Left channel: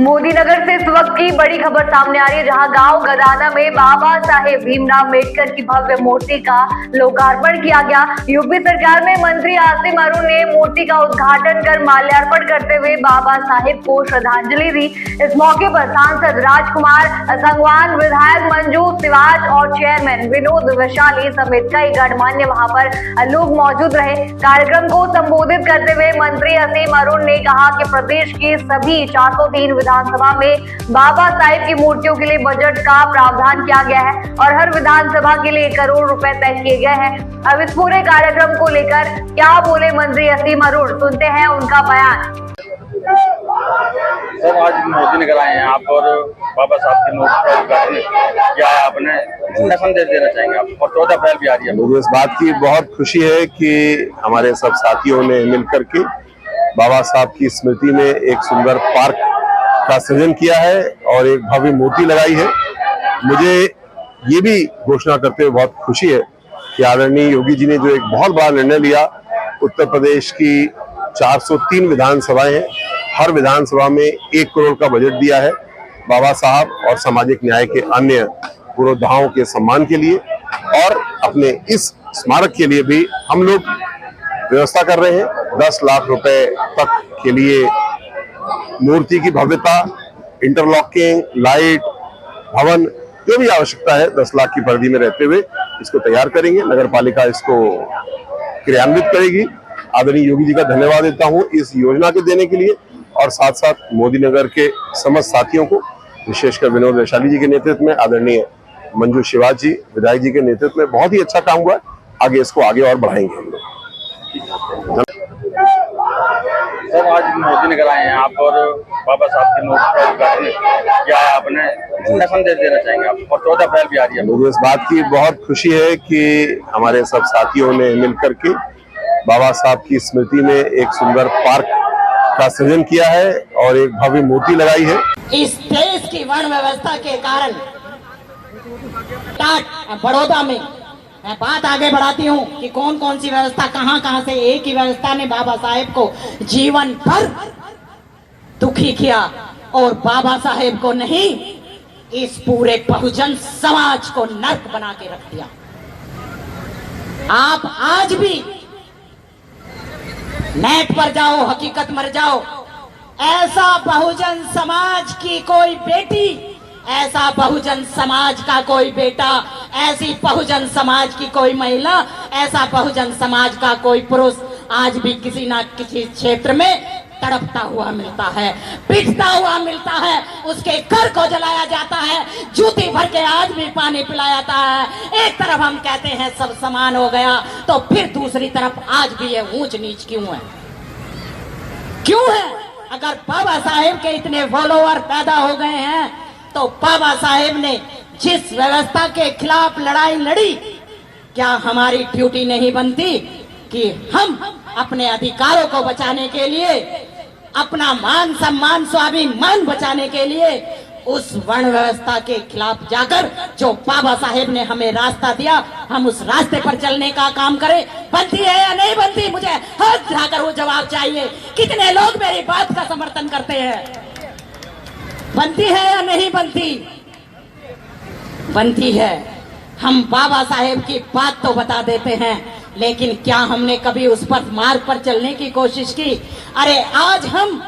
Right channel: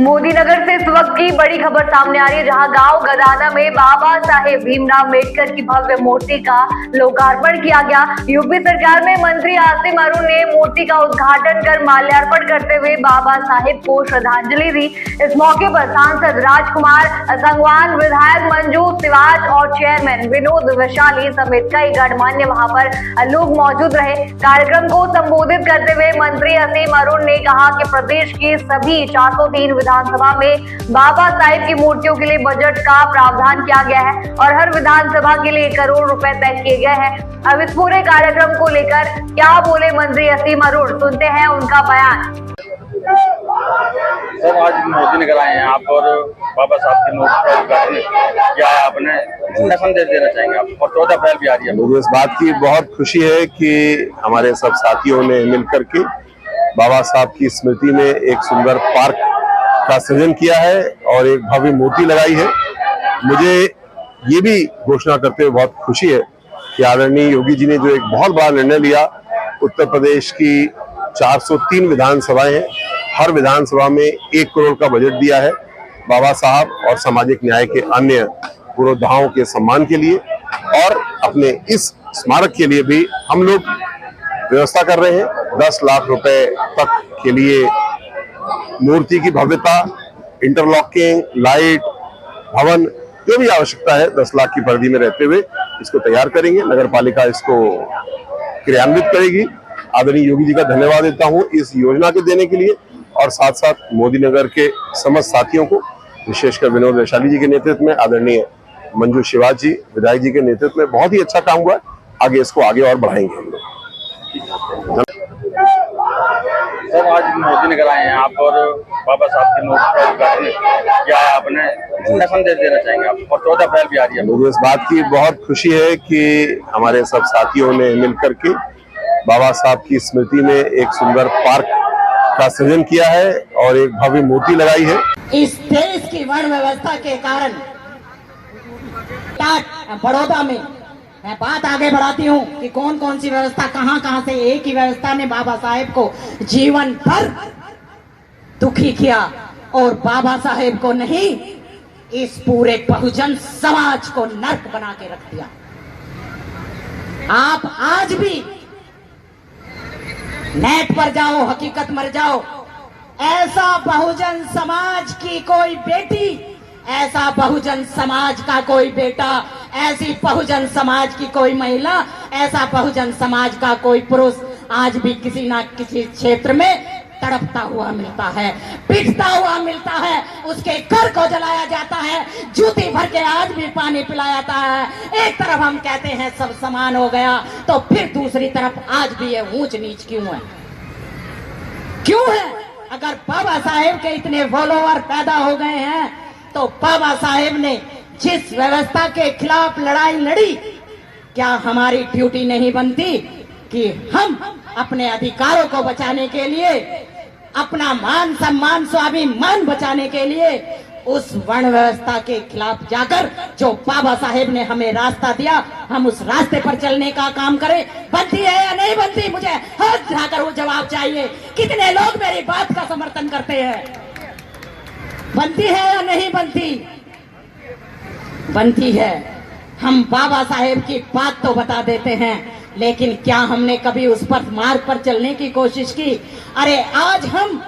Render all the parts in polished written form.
मोदी नगर से इस वक्त की बड़ी खबर सामने आ रही है, जहां गांव गदाना में बाबा साहेब भीमराव अम्बेडकर की भव्य मूर्ति का लोकार्पण किया गया। यूपी सरकार में मंत्री आसिम अरुण ने मूर्ति का उद्घाटन कर माल्यार्पण करते हुए बाबा साहेब को श्रद्धांजलि दी। इस मौके पर सांसद राजकुमार संगवान, विधायक मंजू सिवाच और चेयरमैन विनोद वैशाली समेत कई गणमान्य वहां पर लोग मौजूद रहे। कार्यक्रम को संबोधित करते हुए मंत्री आसिम अरुण ने कहा कि प्रदेश की सभी 403 विधानसभा में बाबा साहेब की मूर्तियों के लिए बजट का प्रावधान किया गया है और हर विधानसभा के लिए 1 करोड़ रुपए तय किए गए हैं। अब इस पूरे कार्यक्रम को लेकर क्या बोले मंत्री आसिम अरुण, सुनते हैं उनका बयान। सर, आज मोदी नगर आए हैं आप और बाबा साहब की मूर्ति का उद्घाटन, क्या आपने क्या संदेश देना चाहेंगे आप? और 14 अप्रैल भी आ रही है। मुझे इस बात की बहुत खुशी है कि हमारे सब साथियों ने मिलकर के बाबा साहब की स्मृति में एक सुंदर पार्क का सृजन किया है और एक भव्य मूर्ति लगाई है। मुझे ये भी घोषणा करते हुए बहुत खुशी है कि आदरणीय योगी जी ने जो एक बहुत बड़ा निर्णय लिया, उत्तर प्रदेश की 403 विधानसभाएं हैं, हर विधानसभा में 1 करोड़ का बजट दिया है बाबा साहब और सामाजिक न्याय के अन्य पुरोधाओं के सम्मान के लिए। और अपने इस स्मारक के लिए भी हम लोग व्यवस्था कर रहे हैं। 10 लाख रुपए तक के लिए मूर्ति की भव्यता, इंटरलॉकिंग, लाइट, भवन, जो भी आवश्यकता है 10 लाख की परिधि में रहते हुए इसको तैयार करेंगे। नगर पालिका इसको क्रियान्वित करेगी। आदरणीय योगी जी का धन्यवाद देता हूं इस योजना के देने के लिए और साथ साथ मोदी नगर के समस्त साथियों को, विशेषकर विनोद वैशाली जी के नेतृत्व में, आदरणीय मंजू शिवाच जी विधायक जी के नेतृत्व में बहुत ही अच्छा काम हुआ है। आगे इसको आगे और बढ़ाएंगे हम लोग। सर, आज मोदी नगर आए हैं आप और बाबा साहब की मूर्ति का उद्घाटन, क्या आपने क्या संदेश देना चाहेंगे आप? और 14 अप्रैल भी आ रही है। मुझे इस बात की बहुत खुशी है कि हमारे सब साथियों ने मिलकर के बाबा साहब की स्मृति में एक सुंदर पार्क का सृजन किया है और एक भव्य मूर्ति लगाई है। इस देश की वर्ण व्यवस्था के कारण बड़ौदा में मैं बात आगे बढ़ाती हूँ कि कौन कौन सी व्यवस्था कहां से, एक ही व्यवस्था ने बाबा साहेब को जीवन भर दुखी किया और बाबा साहेब को नहीं, इस पूरे बहुजन समाज को नर्क बना के रख दिया। आप आज भी नेट पर जाओ, हकीकत मर जाओ, ऐसा बहुजन समाज की कोई बेटी, ऐसा बहुजन समाज का कोई बेटा, ऐसी बहुजन समाज की कोई महिला, ऐसा बहुजन समाज का कोई पुरुष आज भी किसी ना किसी क्षेत्र में तड़पता हुआ मिलता है, पिटता हुआ मिलता है, उसके घर को जलाया जाता है, जूती भर के आज भी पानी पिलाया जाता है। एक तरफ हम कहते हैं सब समान हो गया, तो फिर दूसरी तरफ आज भी ये ऊंच नीच क्यों है? क्यों है? अगर बाबा साहेब के इतने फॉलोअर पैदा हो गए हैं तो बाबा साहेब ने जिस व्यवस्था के खिलाफ लड़ाई लड़ी, क्या हमारी ड्यूटी नहीं बनती कि हम अपने अधिकारों को बचाने के लिए, अपना मान सम्मान स्वाभिमान बचाने के लिए उस वर्ण व्यवस्था के खिलाफ जाकर जो बाबा साहेब ने हमें रास्ता दिया, हम उस रास्ते पर चलने का काम करें। बनती है या नहीं बनती? मुझे हाथ उठाकर वो जवाब चाहिए। कितने लोग मेरी बात का समर्थन करते हैं? बनती है या नहीं बनती? बनती है। हम बाबा साहेब की बात तो बता देते हैं, लेकिन क्या हमने कभी उस पर मार्ग पर चलने की कोशिश की? अरे आज हम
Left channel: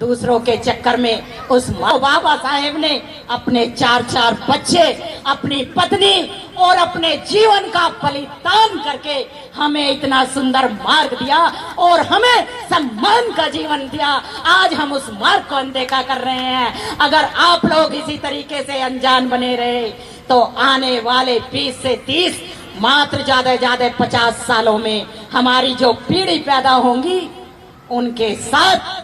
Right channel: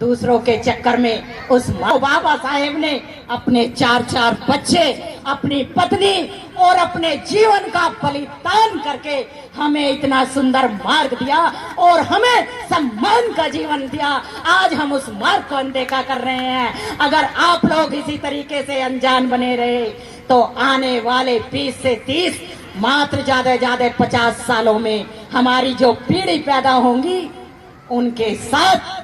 दूसरों के चक्कर में उस बाबा साहेब ने अपने 4 बच्चे, अपनी पत्नी और अपने जीवन का बलिदान करके हमें इतना सुंदर मार्ग दिया और हमें सम्मान का जीवन दिया। आज हम उस मार्ग को अनदेखा कर रहे हैं। अगर आप लोग इसी तरीके से अनजान बने रहे तो आने वाले 20 से 30, मात्र ज्यादा 50 सालों में हमारी जो पीढ़ी पैदा होंगी, उनके साथ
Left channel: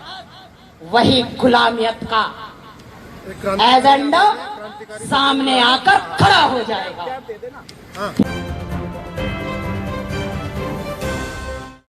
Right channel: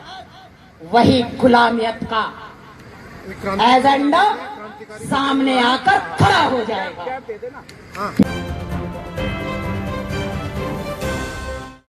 वही गुलामियत का एजेंडा सामने आकर खड़ा हो जाएगा।